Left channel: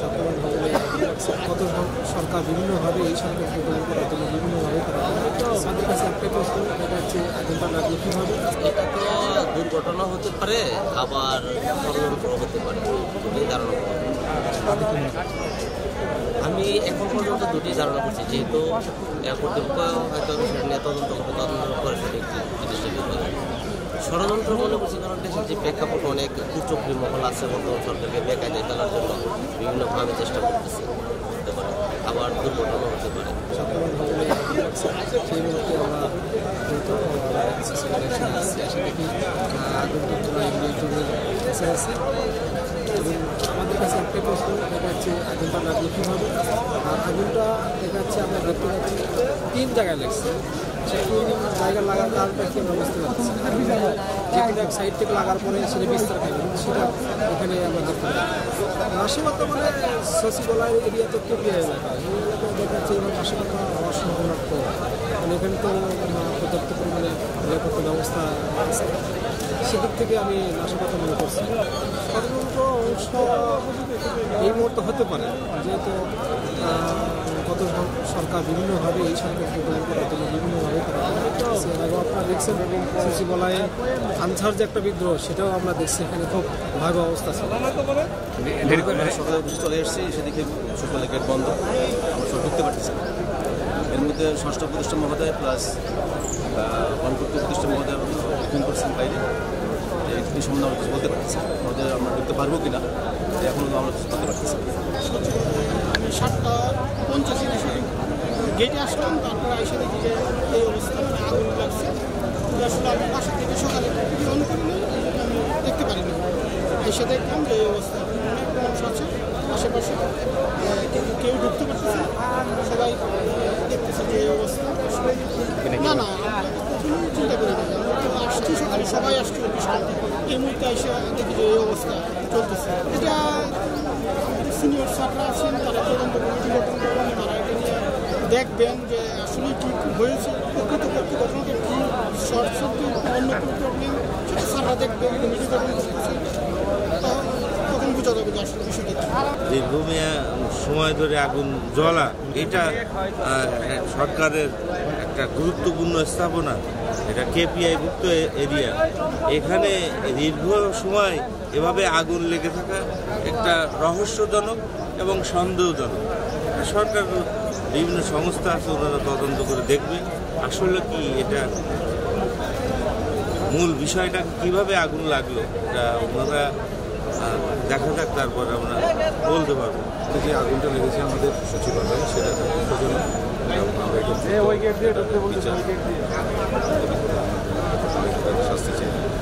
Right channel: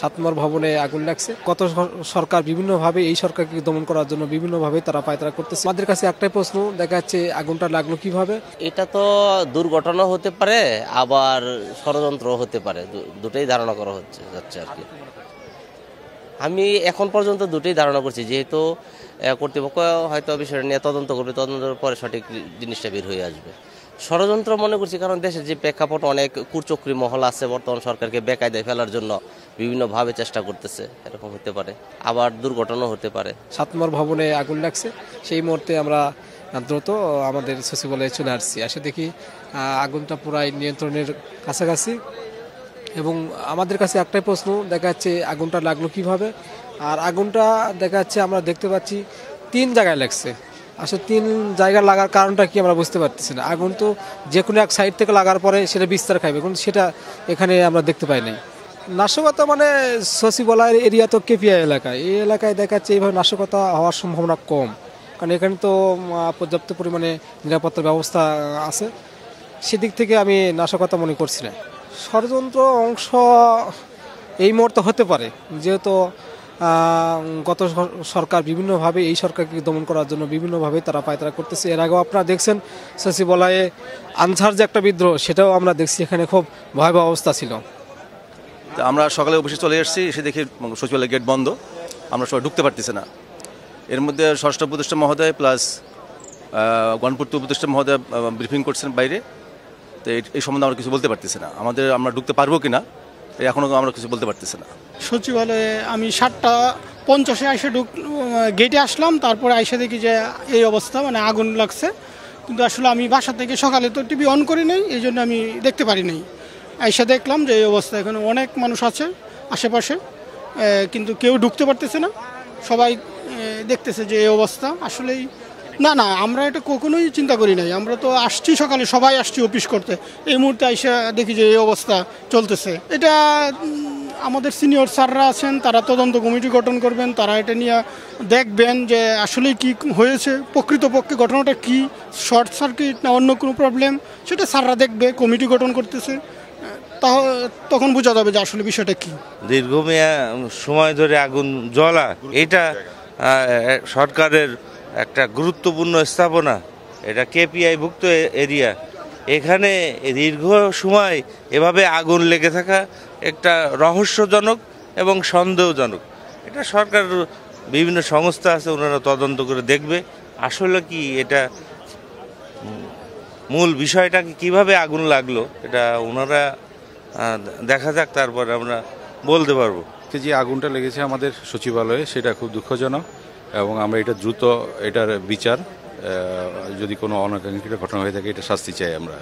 7 নম্বর ভবনে আগুন লাগছে। গত সরকার বিভিন্নভাবে এই সরকারকে দমন করার জন্য বিভিন্নভাবে তারা পায়তারা করতেছে। আমাদের কাছে একটাই প্রশ্ন, দেখা যাচ্ছে আগুনটা লাগলো কিভাবে? এটা তো দুর্ঘটনা হতে পারে, আবার ষড়যন্ত্র হতে পারে, দুটোই ধারণা করা হচ্ছে। আমি এখন পর্যন্ত দুটোই ধারণা করছি, যেহেতু কর্তৃপক্ষ হয়তো বিষয়টা নিয়ে তদন্ত করবে, তদন্তের পরে সঠিক জিনিসটা বের হয়ে আসবে। ষড়যন্ত্র মনে করছি, কারণ দেশের যে প্রেক্ষাপট, অনেক কুচক্রী মহল আছে বর্তমান সরকারকে বেকায়দায় ফেলার জন্য বিভিন্নভাবে চেষ্টা করতেছে, হতে পারে আবার দুর্ঘটনা হতে পারে। 7 নম্বর ভবনে আগুন লাগছে, সেই মুহূর্তে আমরা দ্রুত আমাদের সচিবালয়ে চলে আসছি। আসে দেখি আগুনটা পুরাই নিয়ন্ত্রণের কাছাকাছি এবং আমাদের কাছে একটাই প্রশ্ন, দেখা যাচ্ছে আগুনটা লাগলো কিভাবে? আর আগুনটা দেখা যাচ্ছে আমরা দেখতে পাচ্ছি 3 জায়গায় লাগছে। আসলে 3 জায়গায় লাগার কারণটা কি আমরা বুঝতে পারতেছি না। আগুন তো যে কোনো এক সাইড থেকে লাগার পরে সেটা বিস্তার খাইবে, কিন্তু সেটা এখানে আমরা দেখতে পাই না। নাশকতা মানে সচিবালয়ের এরিয়া তো কেপিআই এলাকায়, এই এলাকায় দেখা যাচ্ছে এইভাবে নাশকতা হওয়ার সম্ভাবনা কম, কারণ এখানে তো পর্যাপ্ত পরিমাণে নিরাপত্তা ব্যবস্থা আছে। সেদিক থেকে আমি নাশকতা মনে করছি না। ষড়যন্ত্র অংশ এই মুহূর্তে হতে পারে, যেহেতু গত সরকার বিভিন্নভাবে এই সরকারকে দমন করার জন্য বিভিন্নভাবে তারা পায়তারা করতেছে। এর আগেও আপনারা দেখছেন সচিবালয়ে আনসার যে একটা বিদ্রোহ, সেটাও আমরা দেখছি, এখানে খুব ভয়াবহ অবস্থা ছিল। আমরা সকালে অফিসে চলে এসেছি, এসে দেখি সচিবালয় গেট বন্ধ, আমরা সবাই ঢুকতে পারতেছি না। এর মধ্যে ষষ্ঠ উপদেষ্টা মহোদয় প্লাস গণপূর্ত উপদেষ্টা মহোদয় ব্রিফিং করছেন বাইরে, তো এই সম্বন্ধে আমরা কিছু বলতে পারতেছি না। আমরা ঢুকতে পারবো কিনা এখনও আমরা কিছু বলতে পারতেছি না। সচিবালয়ে আমি 7:50 আইসে গেটে আসলাম, তারপরে আইসে দেখি যে এই অবস্থা, মানে আগুন লাগছে। কিন্তু আসলে আমি বাসা থেকে সকালে তো টিভি অন করি নাই, এই জন্য আমি দেখতে পারি নাই। আইসে দেখলাম যে এই অবস্থা, এখানে অনেক মানুষ আছে আশেপাশে, কিন্তু কেউ ঢুকতে পারতেছে না, সবাই দেখতেছে যে এই অবস্থা। আসলে না, আমরা এটা কখনোই চিন্তা করি নাই। আমরা তো আসছি সকালে, সবাই আসছি অফিস করতে, এই মুহূর্তে আইসা দেখি যে এই অবস্থা চলতেছে। এটা আমাদের সিনিয়র স্যাররা আছেন, তারা তদন্ত কমিটি গঠন করবেন, তারা এটা নিয়ে দেখবেন যে আসলে কি হয়েছে, প্রকৃতপক্ষে ঘটনাটা কি, শর্ট সার্কিট না অন্য কোনো প্রবলেম, সেটা স্যাররা দেখবে, কমিটি গঠন করতেছে, তখন বোঝা যাবে যে আসলে বিষয়টা কি। দীর্ঘমেয়াদী সময় ধরে আগুন জ্বলা, এটা সরকারের একটা গুরুত্বপূর্ণ স্থাপনা, এটা কেপিআইভুক্ত এরিয়া। এখানে দীর্ঘ সময় এভাবে আগুন লেগে থাকা একটা রহস্যজনক এবং সন্দেহজনক। এটা সরকার বিভিন্ন সংস্থা আছে, ওনারা তদন্ত করে দেখবে আসলে কি, এটা মূল বিষয়টা কিভাবে আগুন লাগলো, এটা ওনারা দেখা যাক, তারপর আমরা বলতে পারবো। যে আগুনটা লেগেছে আমাদের সচিবালয়ে, সেটা খুব দুঃখজনক এবং আমরা এটা দ্রুত এটার বিচার, যদি কোনো অনাকাঙ্ক্ষিত ঘটনা হয়ে থাকে, এটা শাস্তি চাই আমরা।